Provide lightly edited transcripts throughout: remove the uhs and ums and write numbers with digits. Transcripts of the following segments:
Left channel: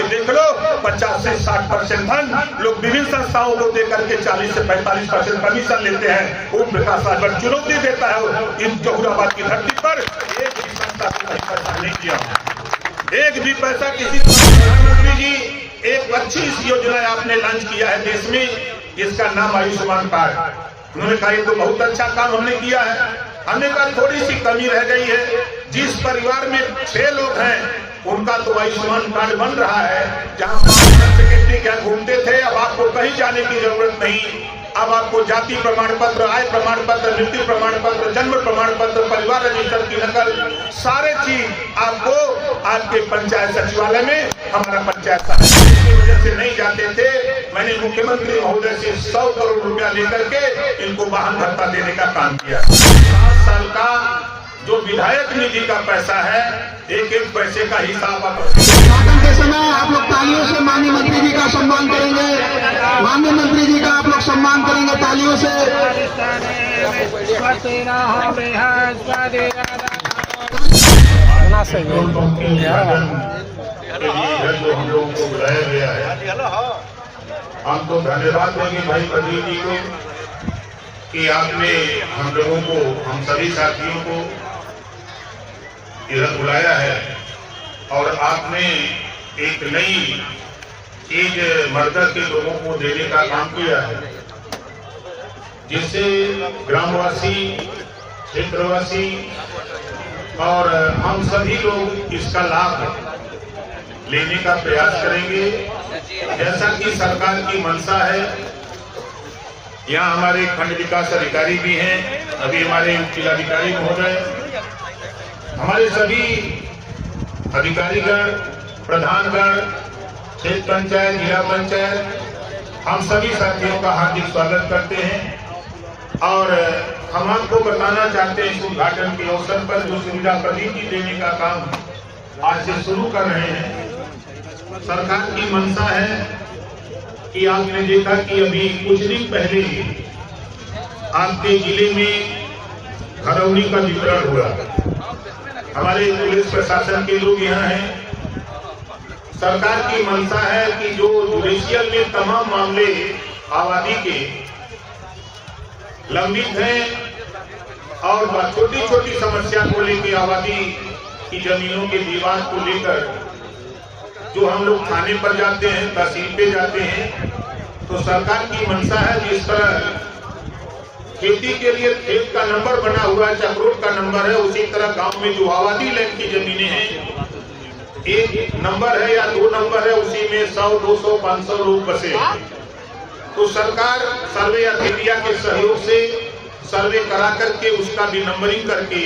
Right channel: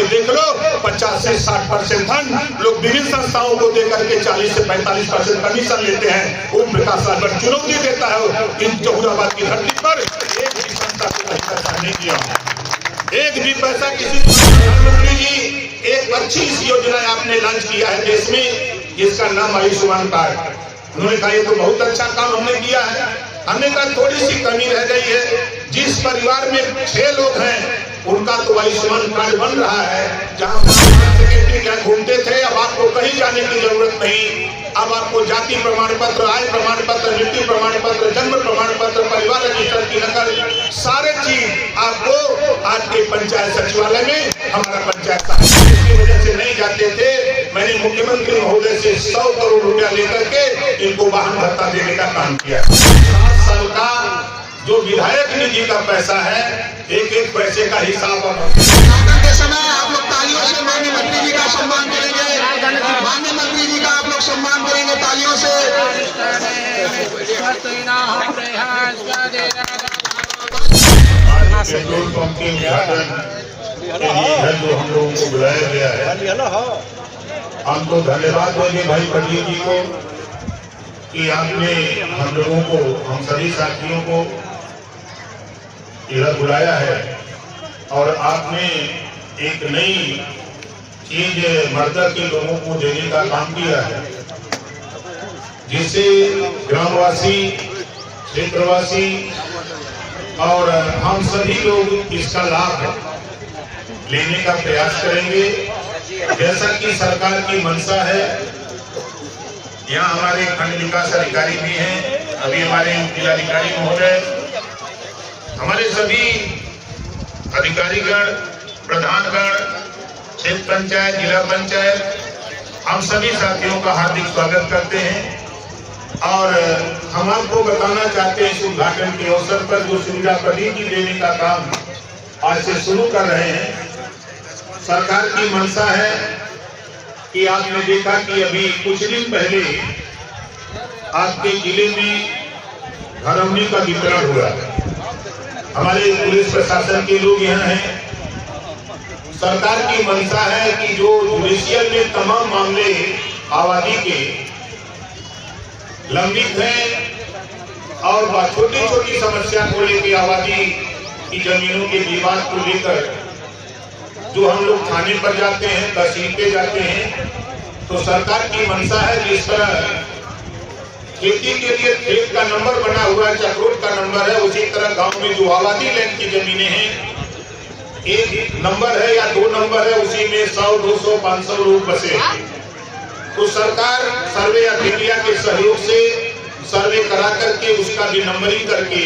देख लो 50 से 60% धन लोग विभिन्न संस्थाओं को देकर के 40 से 45% कमीशन लेते हैं। ओम प्रकाश राजभर चुनौती देता है इन जहुराबाद की धरती पर एक भी संस्था को कहीं पैसा नहीं दिया, एक भी पैसा किसी। प्रधानमंत्री जी एक अच्छी योजना आपने लॉन्च किया है देश में जिसका नाम आयुष्मान कार्ड। उन्होंने कहा ये तो बहुत अच्छा काम हमने किया है। हमने कहा थोड़ी सी कमी रह गई है, जिस परिवार में 6 लोग हैं उनका तो आयुष्मान कार्ड बन रहा है। जहाँ सेक्रेटरी क्या घूमते थे, अब आपको कहीं जाने की जरूरत नहीं। अब आपको जाति प्रमाण पत्र, आय प्रमाण पत्र, मृत्यु प्रमाण पत्र, जन्म प्रमाण पत्र, परिवार रजिस्टर की नकल, सारे चीज आपको आपके पंचायत सचिवालय में हमारा पंचायत की वजह से नहीं जाते थे। मैंने मुख्यमंत्री महोदय से 100 करोड़ रुपया लेकर के इनको वाहन भत्ता देने का काम किया। 7 साल का जो विधायक निधि का पैसा है, एक एक पैसे का हिसाब के समय आप लोग तालियों से माननीय मंत्री जी का सम्मान करेंगे। माननीय मंत्री जी का आप लोग सम्मान करेंगे तालियों से। जो हम लोगों को बुलाया गया है, हम तो धन्यवाद देंगे भाई प्रदीप जी को कि आपने हम लोगों को, हम सभी साथियों को इधर बुलाया है और आपने एक नई चीज मर्दा के लोगों को देने का काम किया है, जिससे ग्रामवासी, क्षेत्रवासी और हम सभी लोग इसका लाभ लेने का प्रयास करेंगे। जैसा कि सरकार की मंशा है, यहाँ हमारे खंड विकास अधिकारी भी हैं, अभी हमारे जिलाधिकारी महोदय, हमारे सभी अधिकारीगण, प्रधानगण, क्षेत्र पंचायत, जिला पंचायत, हम सभी साथियों का हार्दिक स्वागत करते हैं। और हम आपको बताना चाहते हैं इस उद्घाटन के अवसर पर जो सुविधा प्रदीप जी देने का काम आज से शुरू कर रहे हैं। सरकार की मंशा है कि आपने देखा कि अभी कुछ दिन पहले आपके जिले में घरौनी का वितरण हुआ। हमारे पुलिस प्रशासन के लोग यहाँ हैं। सरकार की मंशा है कि जो जुडिशियल में तमाम मामले आबादी के लंबित हैं और छोटी छोटी समस्या को लेकर आबादी की जमीनों के विवाद को लेकर जो हम लोग थाने पर जाते हैं, तहसील पे जाते हैं, तो सरकार की मंशा है जिस तरह खेती के लिए खेत का नंबर बना हुआ है, चक्रोट का नंबर है, उसी तरह गांव में जो आबादी लैंड की जमीनें हैं, एक नंबर है या 2 नंबर है, उसी में 100, 200, 500 लोग बसे। तो सरकार सर्वे अभिक्रिया के सहयोग से सर्वे करा करके उसका भी नंबरिंग करके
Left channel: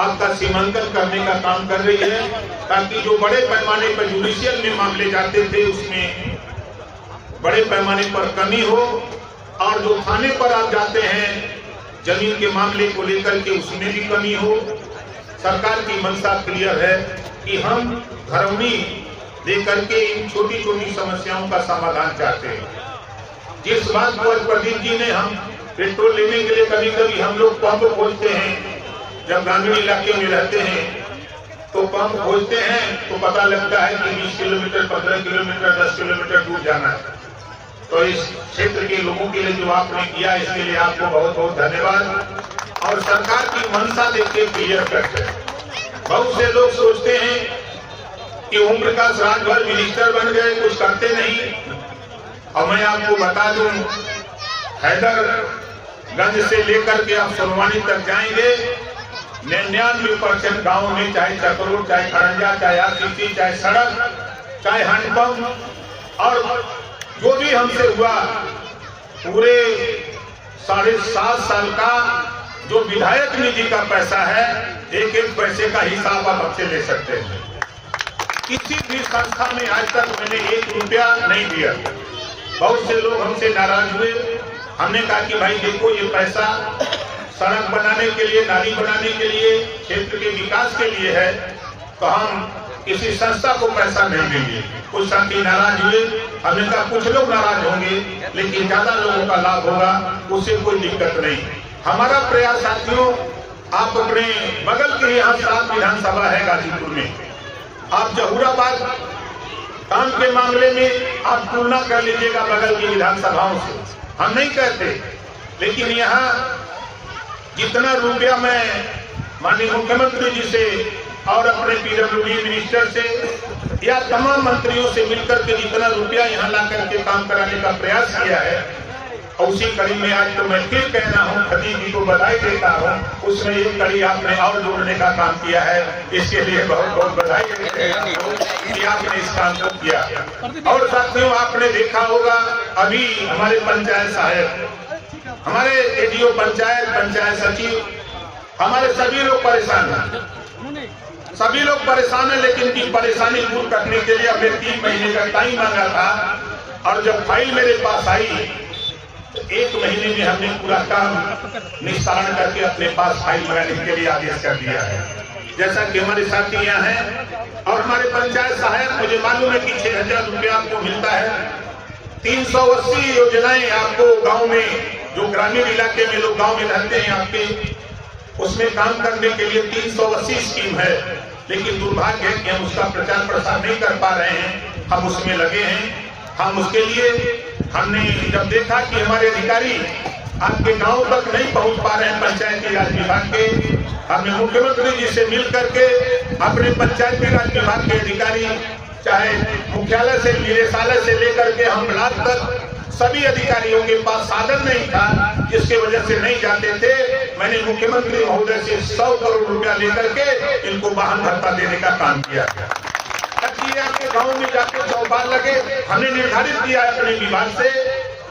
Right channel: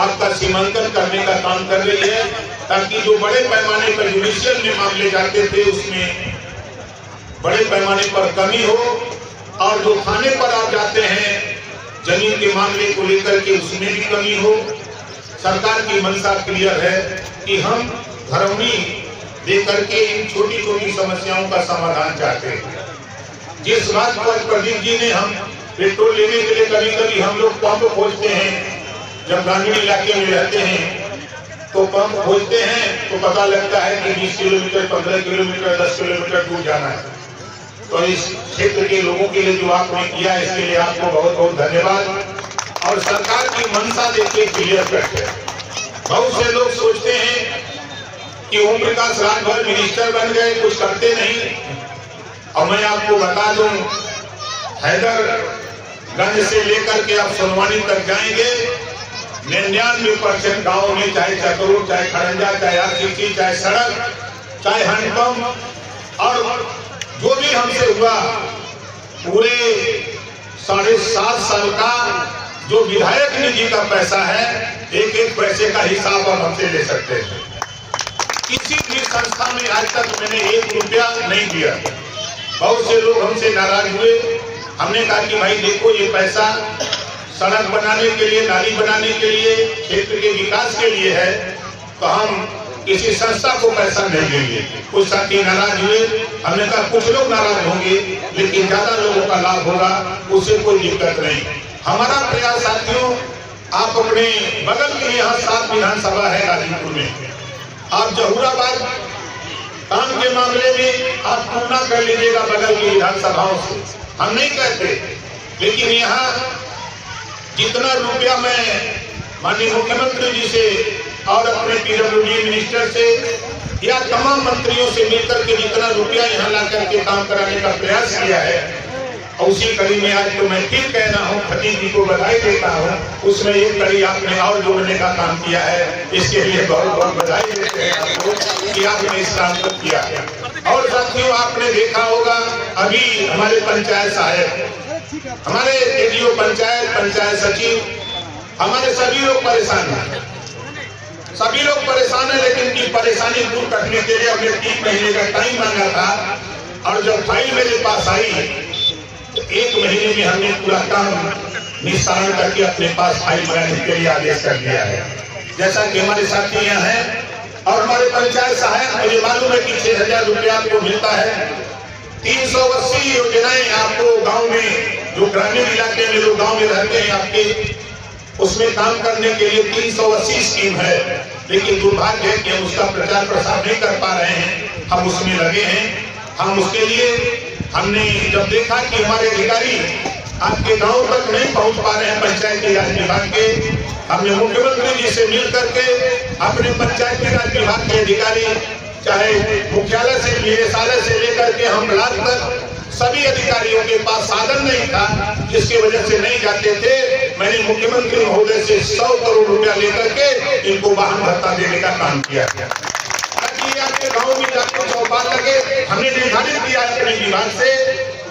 आपका सीमांकन करने का काम कर रही है, ताकि जो बड़े पैमाने पर जुडिशियल में मामले जाते थे उसमें बड़े पैमाने पर कमी हो, और जो थाने पर आप जाते हैं जमीन के मामले को लेकर के उसमें भी कमी हो। सरकार की मंशा क्लियर है कि हम घरौनी देकर के इन छोटी छोटी समस्याओं का समाधान चाहते हैं। जिस बात को आज प्रदीप जी ने, हम पेट्रोल लेने के लिए कभी कभी हम लोग पंप खोजते हैं, जब ग्रामीण इलाके में रहते हैं तो पंप खोजते हैं तो पता लगता है कि 20 किलोमीटर, 15 किलोमीटर, 10 किलोमीटर दूर जाना है। तो इस क्षेत्र के लोगों के लिए जो आपने किया, इसके लिए आपको बहुत बहुत धन्यवाद। और सरकार की मंशा देखिए क्लियर कट है। बहुत से लोग सोचते हैं कि ओम प्रकाश राजभर मिनिस्टर बन गए, कुछ करते नहीं। और मैं आपको बता दूं, हैदरगंज से लेकर के आप सोनवानी तक जाएंगे, 99% गाँव में, चाहे चक्रोट, चाहे खड़ंजा, चाहे आरसीसी, चाहे सड़क, चाहे हैंडपंप, और जो भी हमसे हुआ, पूरे 7.5 साल का जो विधायक निधि का पैसा है, एक एक पैसे का हिसाब आप हमसे ले सकते हैं। किसी भी संस्था में आज तक मैंने 1 रुपया नहीं दिया। बहुत से लोग हमसे नाराज हुए। हमने कहा कि भाई देखो, ये पैसा सड़क बनाने के लिए, नाली बनाने के लिए, क्षेत्र के विकास के लिए है, तो हम किसी संस्था को पैसा नहीं देंगे। कुछ साथी नाराज हुए। हमने कहा कुछ लोग नाराज होंगे लेकिन ज्यादा लोगों का लाभ होगा, उससे कोई दिक्कत नहीं। हमारा प्रयास साथियों, आप अपने बगल के यहाँ 7 विधानसभा है गाजीपुर में, आप जहूराबाद काम के मामले में आप तुलना कर लीजिएगा बगल की विधानसभाओं से। हम नहीं कहते, लेकिन यहाँ जितना रुपया मैं माननीय मुख्यमंत्री जी से और अपने पीडब्ल्यूडी मिनिस्टर से या तमाम मंत्रियों से मिलकर के जितना रुपया यहाँ ला करके काम कराने का प्रयास किया है, उसी कड़ी में आज तो मैं फिर कह रहा हूँ, खतीब जी को बधाई देता हूँ, उसमें एक कड़ी आपने और जोड़ने का काम किया है। इसके लिए बहुत बहुत बधाई देते हैं कि आपने इस काम को किया। और साथियों, आपने देखा होगा अभी हमारे पंचायत साहब, हमारे एडीओ पंचायत, पंचायत सचिव, हमारे सभी लोग परेशान हैं, सभी लोग परेशान है। लेकिन की परेशानी दूर करने के लिए हमने 3 महीने का टाइम मांगा था, और जब फाइल मेरे पास आई तो 1 महीने में हमने पूरा काम निस्तारण करके अपने पास फाइल मंगाने के लिए आदेश कर दिया है। जैसा कि हमारे साथी यहाँ हैं और हमारे पंचायत सहायक, मुझे मालूम है कि 6,000 रुपया आपको मिलता है। 380 योजनाएं आपको गांव में, जो ग्रामीण इलाके में लोग गांव में रहते हैं आपके, उसमें काम करने के लिए 380 स्कीम है। लेकिन दुर्भाग्य है कि हम उसका प्रचार प्रसार नहीं कर पा रहे हैं। हम उसमें लगे हैं। हम उसके लिए हमने जब देखा कि हमारे अधिकारी आपके गांव तक नहीं पहुंच पा रहे हैं पंचायती राज विभाग के, हमने मुख्यमंत्री जी से मिल करके अपने पंचायती राज विभाग के अधिकारी, चाहे मुख्यालय से, निदेशालय से लेकर के हम ब्लॉक तक, सभी अधिकारियों के पास साधन नहीं था, जिसके वजह से नहीं जाते थे। मैंने मुख्यमंत्री महोदय से 100 करोड़ रुपया लेकर के इनको वाहन भत्ता देने का काम किया गया, ताकि आपके गांव में जाके चौपाल लगे। हमने निर्धारित किया है अपने विभाग से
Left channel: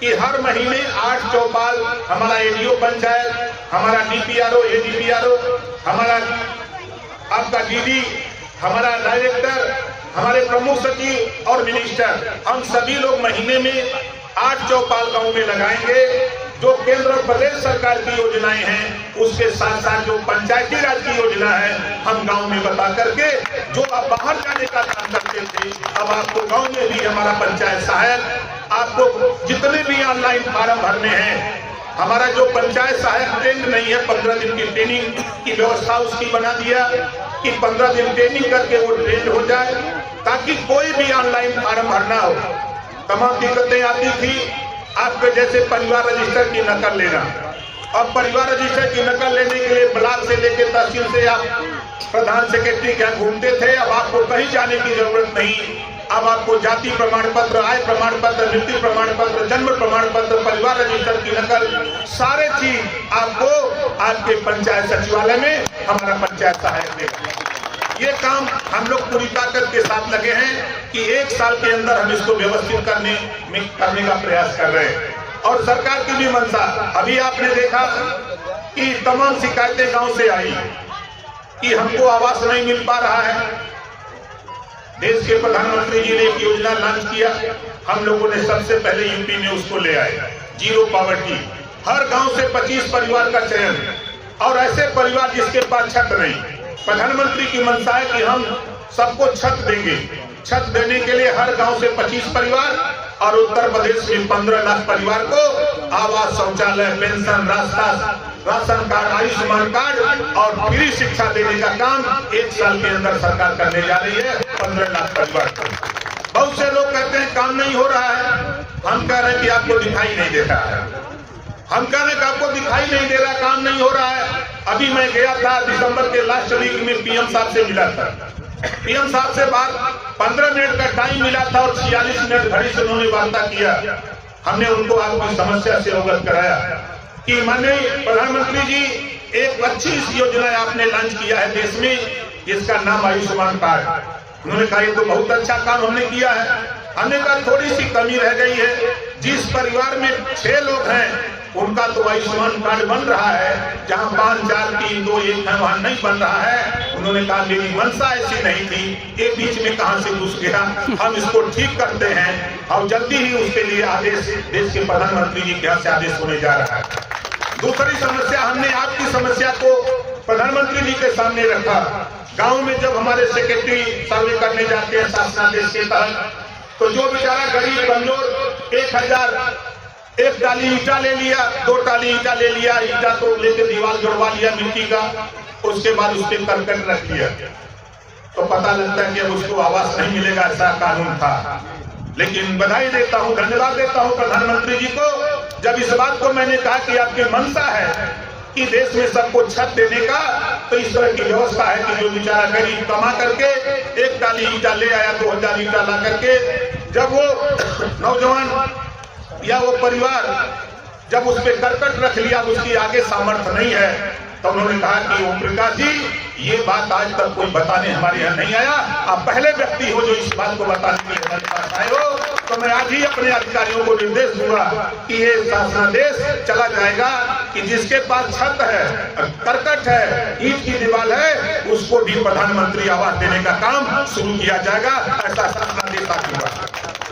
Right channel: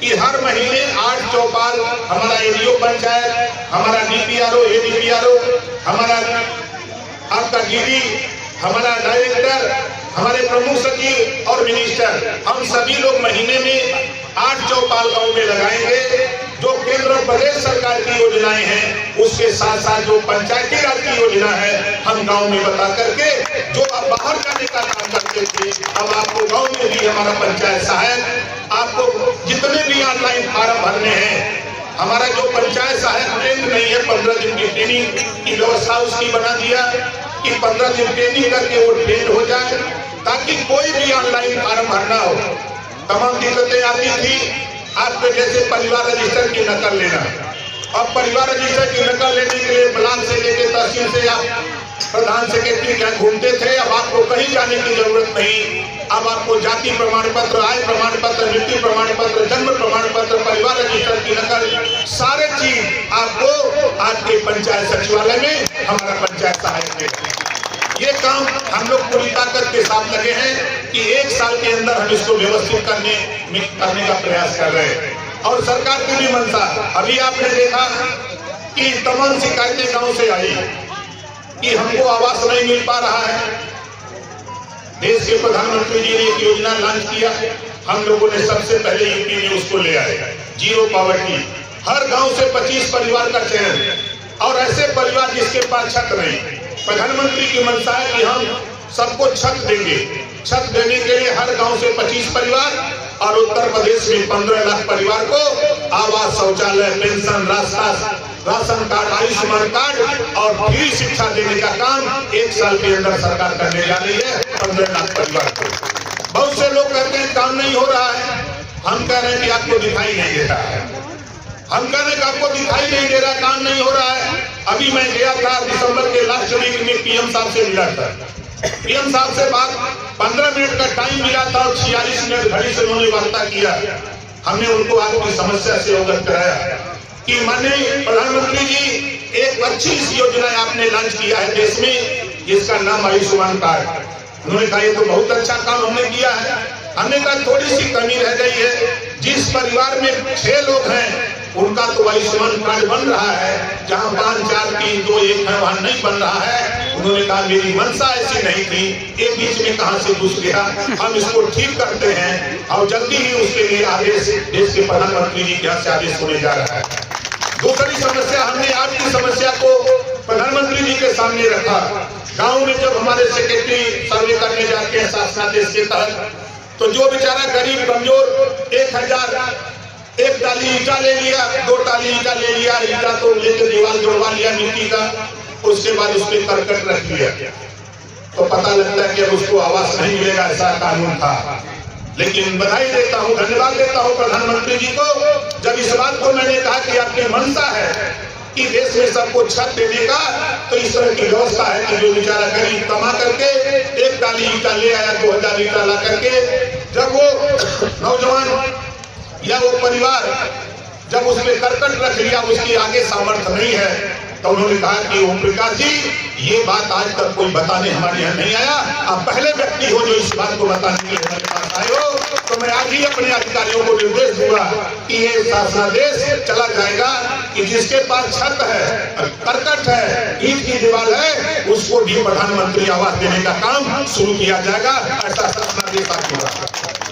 कि हर महीने 8 चौपाल हमारा एडीओ पंचायत, हमारा डीपीआरओ, एडीपीआरओ, हमारा आपका डीडी, हमारा डायरेक्टर, हमारे प्रमुख सचिव और मिनिस्टर, हम सभी लोग महीने में 8 चौपाल गांव में लगाएंगे। जो केंद्र और प्रदेश सरकार की योजनाएं हैं, उसके साथ साथ जो पंचायती राज की योजना है, हम गांव में बता करके, जो आप बाहर जाने का काम करते थे, अब आपको गांव में भी हमारा पंचायत सहायक, आपको जितने भी ऑनलाइन फार्म भरने हैं, हमारा जो पंचायत सहायक ट्रेंड नहीं है, 15 दिन की ट्रेनिंग की व्यवस्था उसकी बना दिया कि 15 दिन ट्रेनिंग करके वो ट्रेंड हो जाए, ताकि कोई भी ऑनलाइन फार्म भरना हो। तमाम दिक्कतें आती थी, आपके जैसे परिवार रजिस्टर की नकल लेना। अब परिवार रजिस्टर की नकल लेने के लिए ब्लॉक से लेकर तहसील से आप प्रधान सेक्रेटरी के यहाँ घूमते थे, अब आपको कहीं जाने की जरूरत नहीं। अब आपको जाति प्रमाण पत्र, आय प्रमाण पत्र, मृत्यु प्रमाण पत्र, जन्म प्रमाण पत्र, परिवार रजिस्टर की नकल, सारे चीज आपको आपके पंचायत सचिवालय में हमारा पंचायत सहायक देगा। ये काम हम लोग पूरी ताकत के साथ लगे हैं कि 1 साल के अंदर हम इसको व्यवस्थित करने का प्रयास कर रहे हैं। और सरकार की भी मंशा, अभी आपने देखा कि तमाम शिकायतें गांव से आई कि हमको आवास नहीं मिल पा रहा है। देश के प्रधानमंत्री जी ने एक योजना लॉन्च किया, हम लोगों ने सबसे पहले यूपी में उसको ले आए, जीरो पॉवर्टी। हर गांव से 25 परिवार का चयन, और ऐसे परिवार जिसके पास छत नहीं। प्रधानमंत्री की मंशा है कि हम सबको छत देंगे। छत देने के लिए हर गांव से 25 परिवार, और उत्तर प्रदेश में 15 लाख परिवार को आवास, शौचालय, pension, ration card, Ayushman card और फ्री शिक्षा देने का काम 1 साल के अंदर सरकार करने जा रही है 15 लाख परिवार को। बहुत से लोग कहते हैं काम नहीं हो रहा है, हम कह रहे हैं कि आपको दिखाई नहीं दे रहा है। हम कह रहे हैं कि आपको दिखाई नहीं दे रहा, काम नहीं हो रहा है। अभी मैं गया था दिसंबर के लास्ट वीक में, पीएम साहब से मिला था। पीएम साहब से बात 15 मिनट का टाइम मिला था और 46 मिनट घड़ी से उन्होंने वार्ता किया। हमने उनको आपकी समस्या से अवगत कराया कि माननीय प्रधानमंत्री जी, एक अच्छी योजना आपने लॉन्च किया है देश में, जिसका नाम आयुष्मान कार्ड। उन्होंने कहा ये तो बहुत अच्छा काम हमने किया है। हमने कहा थोड़ी सी कमी रह गई है, जिस परिवार में 6 लोग हैं उनका तो आयुष्मान कार्ड बन रहा है, जहां 5, 4, 3, 2, 1 है वहां नहीं बन रहा है। उन्होंने कहा मेरी मंशा ऐसी नहीं थी, ये बीच में कहां से घुस गया, हम इसको ठीक करते हैं और जल्दी ही उसके लिए आदेश देश के प्रधानमंत्री जी के यहाँ से आदेश होने जा रहा है। दूसरी समस्या, हमने आपकी समस्या को प्रधानमंत्री जी के सामने रखा। गांव में जब हमारे सेक्रेटरी सर्वे करने जाते हैं शासनादेश के तहत, तो जो बेचारा गरीब कमजोर 1000 एक टाली ईटा ले लिया, 2 टाली ईटा ले लिया, ईटा तो लेकर दीवार जुड़वा लिया मिट्टी का, उसके बाद उस पर करकट रख दिया, तो पता लगता है कि अब उसको आवास नहीं मिलेगा, ऐसा कानून था। लेकिन बधाई देता हूं, धन्यवाद देता हूं प्रधानमंत्री जी को, जब इस बात को मैंने कहा कि आपकी मंशा है कि देश में सबको छत देने का, तो इस तरह की व्यवस्था है कि जो बेचारा गरीब कमा करके एक टाली ईटा ले आया, 2000 ईटा ला करके, जब वो नौजवान या वो परिवार जब उस पर करकट रख लिया, उसकी आगे सामर्थ्य नहीं है, तो उन्होंने कहा कि ओम प्रकाश जी, ये बात आज तक कोई बताने हमारे यहाँ नहीं आया, आप पहले व्यक्ति हो जो इस बात को बताने के लिए हमारे पास आए हो। तो मैं आज ही अपने अधिकारियों को निर्देश दूंगा कि ये शासनादेश चला जाएगा कि जिसके पास छत है, करकट है, ईंट की दीवार है, उसको भी प्रधानमंत्री आवास देने का काम शुरू किया जाएगा। ऐसा शासनादेश आ चुका,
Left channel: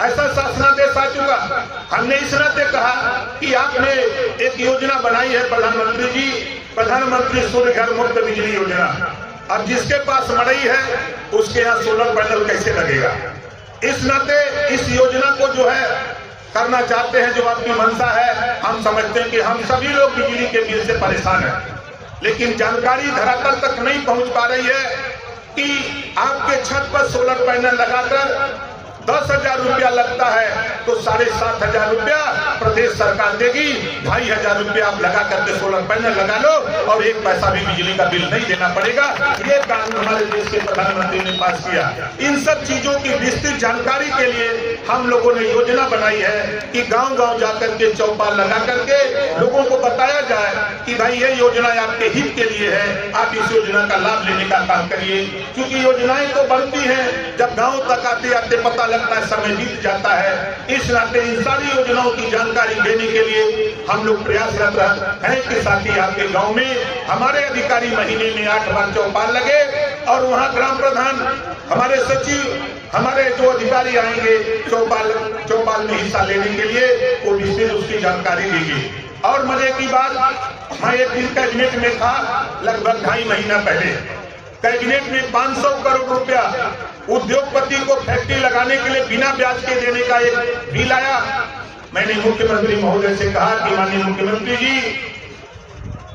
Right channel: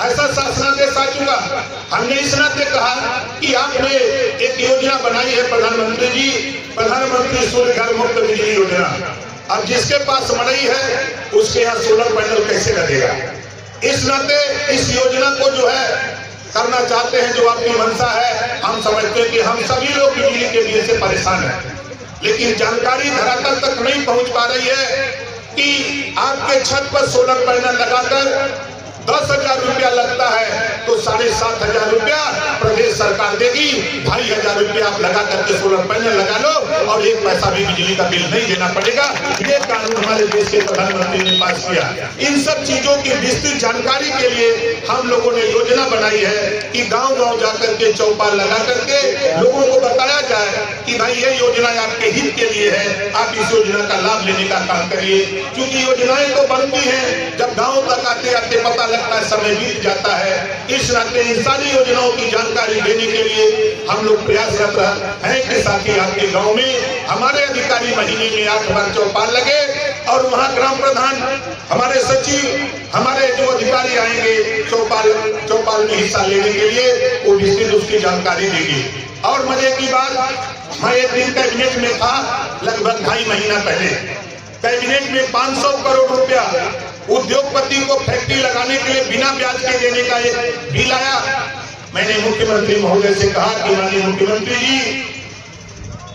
ऐसा शासनादेश आ चुका। हमने इस नाते कहा कि आपने एक योजना बनाई है प्रधानमंत्री जी, प्रधानमंत्री सूर्य घर मुफ्त बिजली योजना। अब जिसके पास मड़ई है उसके यहाँ सोलर पैनल कैसे लगेगा? इस नाते इस योजना को जो है करना चाहते हैं, जो आपकी मंशा है, हम समझते हैं कि हम सभी लोग बिजली के बिल से परेशान हैं, लेकिन जानकारी धरातल तक नहीं पहुंच पा रही है कि आपके छत पर सोलर पैनल लगाकर 10,000 रुपया लगता है, तो 7,500 रुपया प्रदेश सरकार देगी, 2,500 रुपया आप लगा करके सोलर पैनल लगा लो और 1 पैसा भी बिजली का बिल नहीं देना पड़ेगा। ये कानून हमारे देश के प्रधानमंत्री ने पास किया। इन सब चीजों की विस्तृत जानकारी के लिए हम लोगों ने योजना बनाई है कि गांव-गांव जाकर के चौपाल लगा करके लोगों को बताया जाए कि भाई ये योजना आपके हित के लिए है, आप इस योजना का लाभ लेने का काम करिए। क्योंकि योजनाएं तो बनती हैं, जब गाँव तक आते आते पता लगता है, समय बीत जाता है। इस नाते इन सारी योजनाओं की जानकारी देने के लिए हम लोग प्रयासरत हैं कि साथ ही आपके गांव में हमारे अधिकारी महीने में 8 बार चौपाल लगे और वहां ग्राम प्रधान, हमारे सचिव, हमारे जो अधिकारी आएंगे चौपाल में हिस्सा लेने के लिए, वो विस्तृत उसकी जानकारी देगी। और मजे की बात, मैं एक दिन कैबिनेट में था, लगभग 2.5 महीना पहले, कैबिनेट में 500 करोड़ रुपया उद्योगपति को फैक्ट्री लगाने के लिए बिना ब्याज के देने का एक बिल आया। मैंने मुख्यमंत्री महोदय से कहा कि माननीय मुख्यमंत्री जी,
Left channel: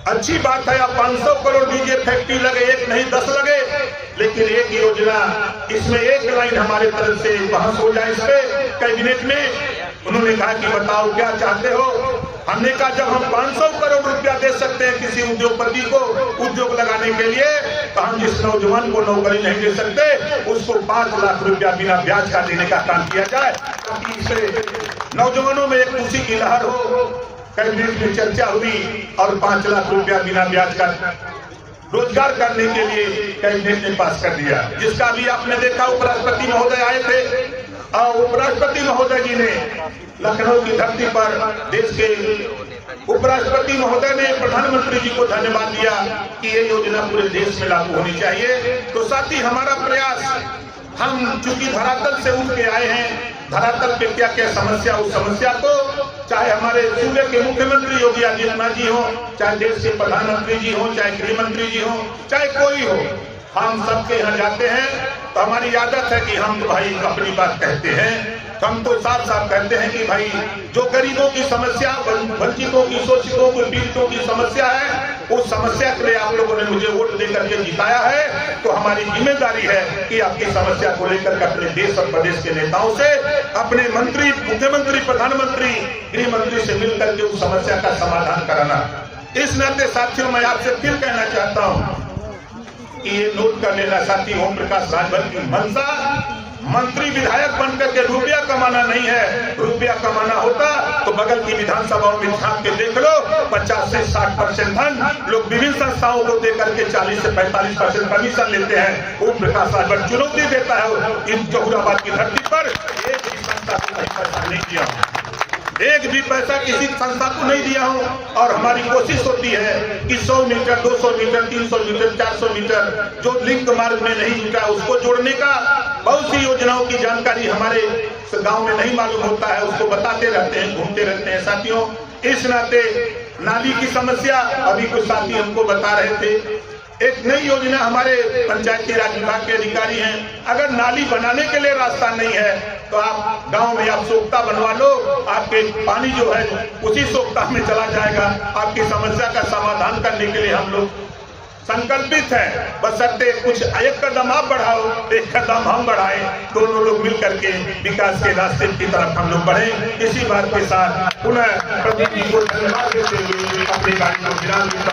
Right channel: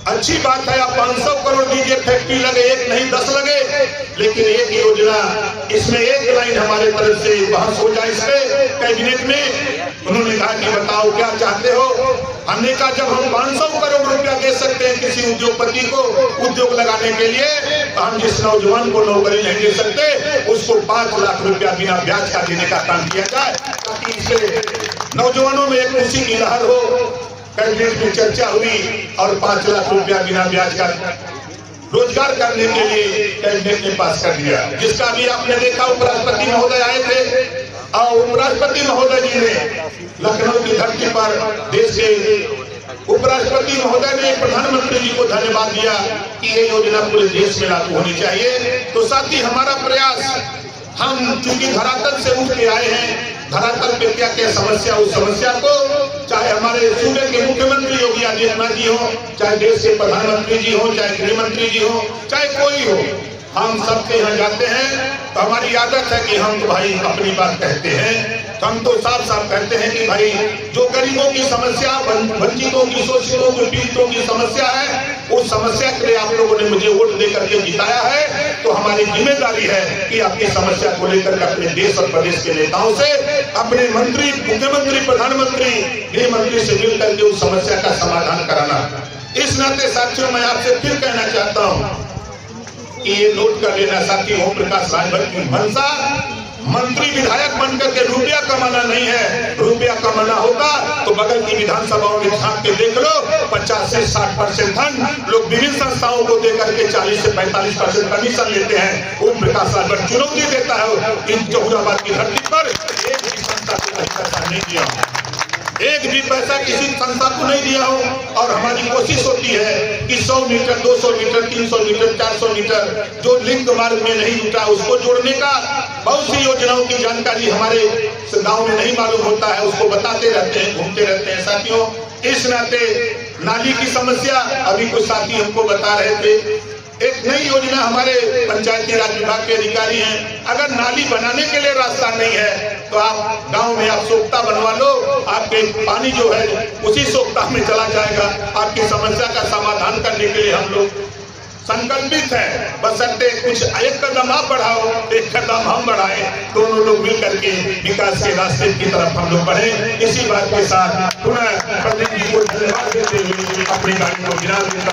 अच्छी बात है, आप 500 करोड़ दीजिए, फैक्ट्री लगे, 1 नहीं 10 लगे, लेकिन एक योजना, इसमें एक लाइन हमारे तरफ से बहस हो जाए इस पे कैबिनेट में। उन्होंने कहा कि बताओ क्या चाहते हो? हमने कहा जब हम 500 करोड़ रुपया दे सकते हैं किसी उद्योगपति को उद्योग लगाने के लिए, तो हम जिस नौजवान को नौकरी नहीं दे सकते उसको 5 लाख रुपया बिना ब्याज का देने का काम किया जाए, ताकि इससे नौजवानों में एक खुशी की लहर हो। कैबिनेट में चर्चा हुई और 5 लाख रुपया बिना ब्याज का रोजगार करने के लिए कैबिनेट ने पास कर दिया, जिसका भी आपने देखा उपराष्ट्रपति महोदय आए थे और उपराष्ट्रपति महोदय जी ने लखनऊ की धरती पर देश के उपराष्ट्रपति महोदय ने प्रधानमंत्री जी को धन्यवाद दिया कि ये योजना पूरे देश में लागू होनी चाहिए। तो साथ ही हमारा प्रयास, हम चूंकि धरातल से उठ के आए हैं, धरातल पे क्या क्या समस्या, उस समस्या को चाहे हमारे सूबे के मुख्यमंत्री योगी आदित्यनाथ जी हो, चाहे देश के प्रधानमंत्री जी हो, चाहे गृह मंत्री जी हो, चाहे कोई हो, हम सबके यहाँ जाते हैं तो हमारी आदत है कि हम तो भाई अपनी बात कहते हैं। तो हम तो साफ साफ कहते हैं कि भाई जो गरीबों की समस्या, वंचितों की, शोषितों की, पीड़ितों की समस्या है, उस समस्या के लिए आप लोगों ने मुझे वोट दे करके जिताया है, तो हमारी जिम्मेदारी है कि आपकी समस्या को लेकर के अपने देश और प्रदेश के नेताओं से, अपने मंत्री, मुख्यमंत्री, प्रधानमंत्री, गृह मंत्री से मिल करके उस समस्या का समाधान कराना। इस नाते साथियों, मैं आपसे फिर कहना चाहता हूँ कि ये नोट कर लेना साथी, ओम प्रकाश राजभर की मंशा मंत्री विधायक बनकर के रुपया कमाना नहीं है। रुपया कमाना होता तो बगल की विधानसभाओं में झांक के देख लो, 50 से 60% धन लोग विभिन्न संस्थाओं को देकर के 40 से 45% कमीशन लेते हैं। ओम प्रकाश राजभर चुनौती देता है इन जहुराबाद की धरती पर, एक भी संस्था को पैसा नहीं दिया, एक भी पैसा किसी संस्था को नहीं दिया हूं। और हमारी कोशिश होती है कि 100 मीटर, 200 मीटर, 300 मीटर, 400 मीटर जो लिंक मार्ग में नहीं जुटा उसको जोड़ने का। बहुत सी योजनाओं की जानकारी हमारे गांव में नहीं मालूम होता है, उसको बताते रहते हैं, घूमते रहते हैं साथियों। इस नाते नाली की समस्या, अभी कुछ साथी हमको बता रहे थे, एक नई योजना हमारे पंचायती राज विभाग के अधिकारी हैं, अगर नाली बनाने के लिए रास्ता नहीं है तो आप गांव में आप सोख्ता बनवा लो, आपके पानी जो है उसी सोख्ता में चला जाएगा। आपकी समस्या का समाधान करने के लिए हम लोग संकल्पित है, बशर्ते कुछ एक कदम आप बढ़ाओ, एक कदम हम बढ़ाएं, दोनों लोग मिल करके विकास के रास्ते की तरफ हम लोग बढ़ें। इसी बात के साथ पुनः प्रदीप जी को धन्यवाद देते हुए अपनी गाड़ी को विराम देता हूं।